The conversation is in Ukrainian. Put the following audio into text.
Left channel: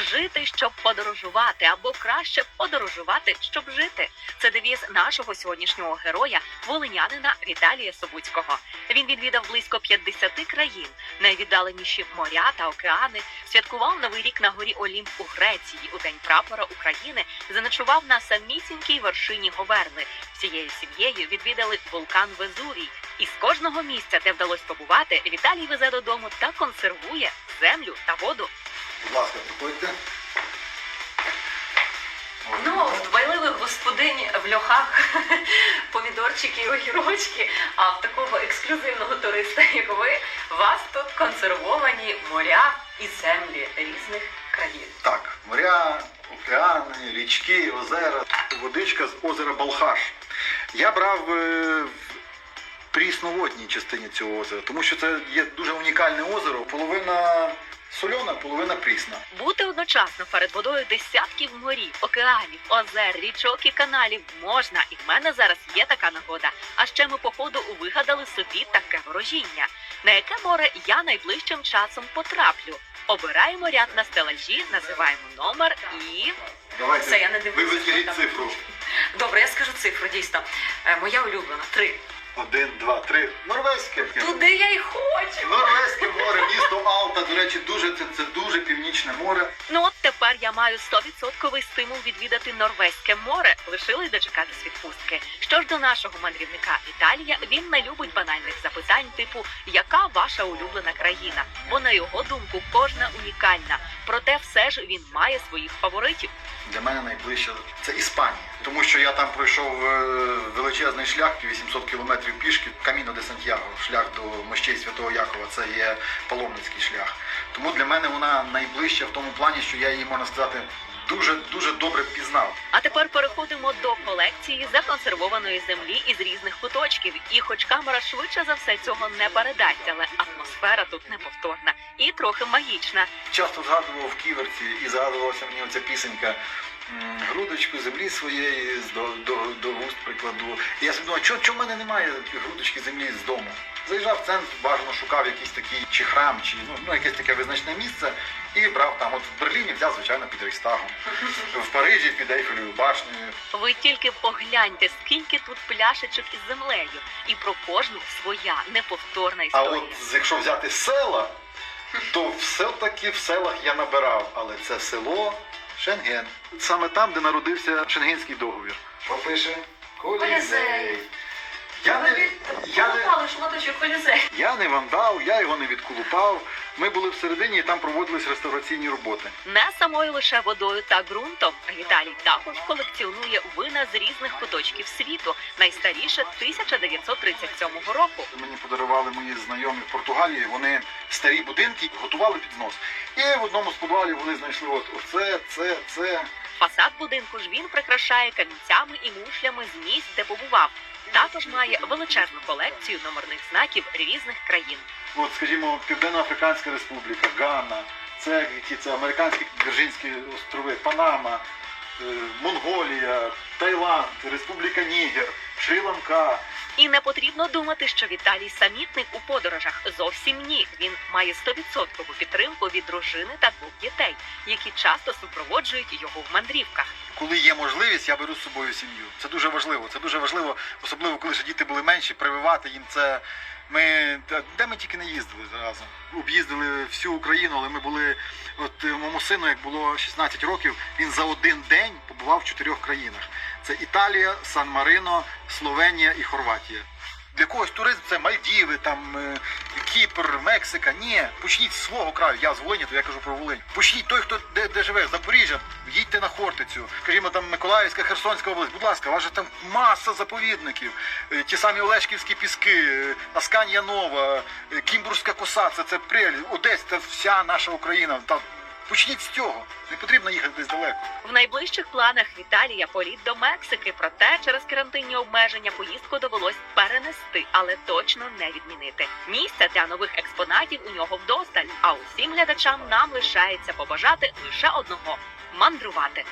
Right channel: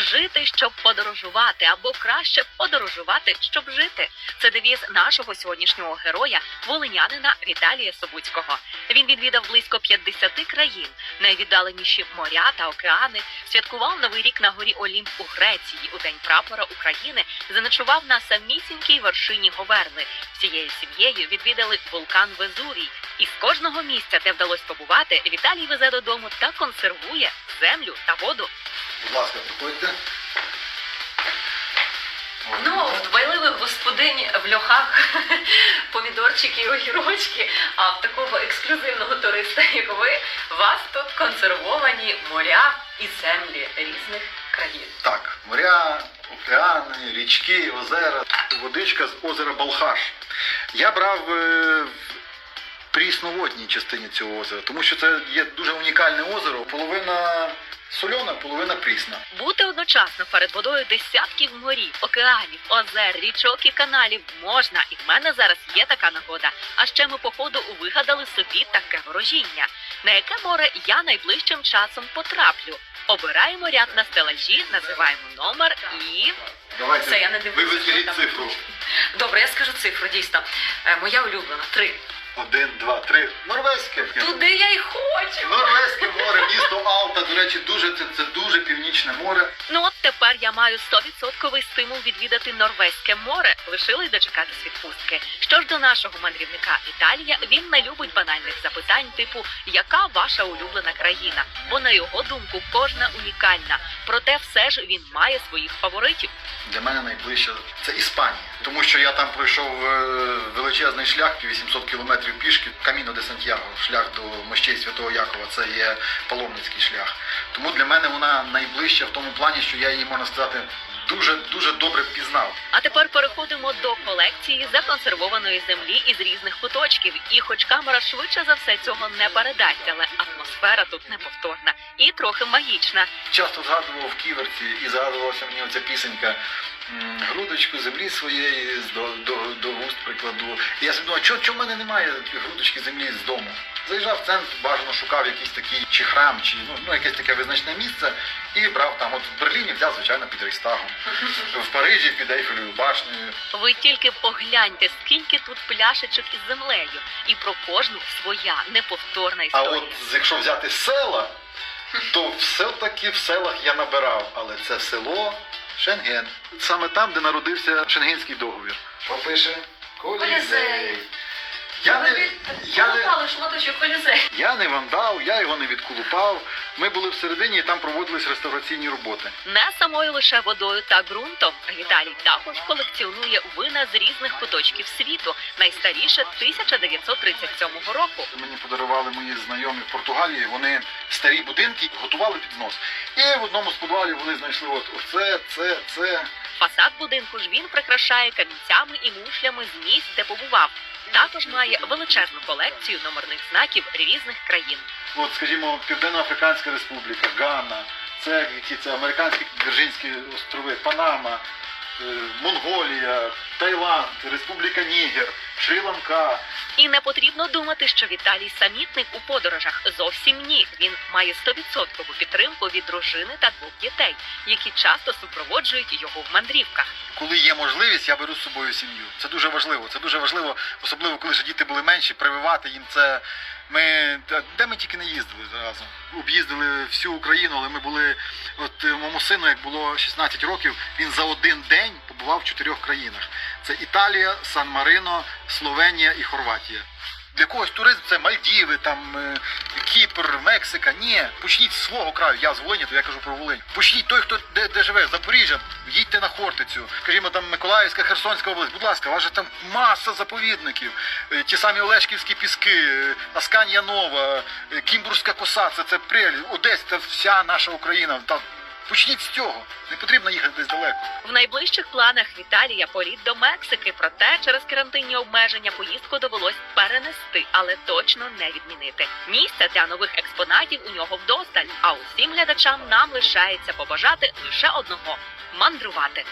жити, щоб подорожувати, або краще подорожувати, щоб жити. Це девіз нашого сьогоднішнього героя, волинянина Віталія Собуцького. Він відвідав близько 50 країн, найвіддаленіші моря та океани. Святкував новий рік на горі Олімп у Греції у день прапора України. Заночував на самісінькій вершині Говерли. Всією сім'єю відвідали вулкан Везувій. І з кожного місця, де вдалося побувати, Віталій везе додому та консервує землю та воду. Будь ласка, приходьте. Ну, в дбайливих господинь в льохах помідорчики і огірочки, а в такого ексклюзивного туриста, як ви, у вас тут консервовані моря і землі різних країн. Так, моря, океани, річки, озера, водичка з озера Балхаш. Я брав е, в прісноводній частині цього озера, тому що це є дуже унікальне озеро. Половина сольона, половина прісна. Бути одночасно перед водою десятків морів, океанів, озер, річок і каналів можна, і в мене зараз є така нагода. А ще ми по ходу вигадали собі таке ворожіння. На яке море я найближчим часом потраплю? Обираємо ряд на стелажі, називаємо номер і Давайте. Все, я не дивлюся, Ви що цифру. добре. Я скажу цифру дійсно. Е, Моя улюблена три. Один, два, три. Норвезьке. Туди я й хочу. Норвезьке море, місто Алта. До речі, дуже це, це північне море. Ну от тепер я маю 100% стимул відвідати Норвезьке море. Лишилось дочекатись відпустки. Що ж до нашого мандрівника Італія, він не любить банальних запитань, типу яка ваша улюблена країна? Бо на його думку кожна унікальна. Проте все ж він має своїх фаворитів. Для мене найближче це Іспанія, тому що я там пройшов е, величезний шлях, 800 кілометрів пішки, Каміно де Сантьяго, шлях до мощей Святого Якова. Це є паломницький шлях. Тому для мене вона найближча в тому плані, що я її можна сказати дуже дуже добре пізнав. А тепер переходимо до колекції законсервованої землі із різних куточків. І хоч камера швидше за все цього не передасть, але атмосфера тут неповторна і трохи магічна. Часто згадував в ківерці і згадувалася мені оця пісенька. Грудочку землі своєї до, до, до вуст прикладу. І я собі думав, чого чого в мене немає грудочки землі з дому? Заїжджав в центр, бажано шукав якийсь такий чи храм, чи ну, ну якесь таке визначне місце, і брав там. От в Берліні взяв, звичайно, під Рейхстагом, в Парижі під Ейфелевою башнею. Ви тільки погляньте, скільки тут пляшечок із землею, і про кожну своя неповторна А от якщо взяти села, то все-таки в селах я набирав, але це село Шенген. Саме там, де народився Шенгенський договір. Попише Колізей. Я не, я, не, колізей. я не вандал, я його не відколупав. Ми були всередині і там проводились реставраційні роботи. Не самою лише водою та ґрунтом. Віталій також колекціонує вина з різних куточків світу. Найстаріше 1937 року. Мені подарували мої знайомі в Португалії. Вони старі будинки готували під знос. І в одному з підвалів вони знайшли от оце, це, це. Фасад будинку ж він прикрашає камінцями і мушлями з місць, де побував. Також має величезну колекцію номерних знаків різних країн. От, скажімо, Південно-Африканська Республіка, Ганна, це які це американські Вірджинські острови, Панама, е, Монголія, Таїланд, Республіка Нігер, Шрі-Ланка. І не потрібно думати, що Віталій самітник у подорожах. Зовсім ні. Він має 100% підтримку від дружини та двох дітей, які часто супроводжують його в мандрівках. Коли є можливість, я беру з собою сім'ю. Це дуже важливо. Це дуже важливо, особливо коли ще діти були менші, прививати їм це. Ми де ми тільки не їздили разом. Об'їздили всю Україну, але ми були. От е, моєму сину, як було 16 років, він за один день побував в чотирьох країнах: це Італія, Сан-Марино, Словенія і Хорватія. Для когось туризм це Мальдіви, там е, Кіпр, Мексика. Ні, почніть з свого краю. Я з Волині, то я кажу про Волинь. Почніть той, хто де, де живе, Запоріжжя, їдьте на Хортицю. Скажімо, там Миколаївська, Херсонська область. Будь ласка, у вас же там маса заповідників. Е, Ті самі Олешківські піски, е, Асканія Нова, Кімбурська коса, це, це Приль, Одесь, це вся наша Україна. Та почніть з цього. Не потрібно їхати десь далеко. В найближчих планах Віталія політ до Мексики. Проте через карантинні обмеження поїздку довелось перенести, але точно не відмінити. Місця для нових експонатів у нього вдосталь. А усім глядачам нам лишається побажати лише одного мандрувати.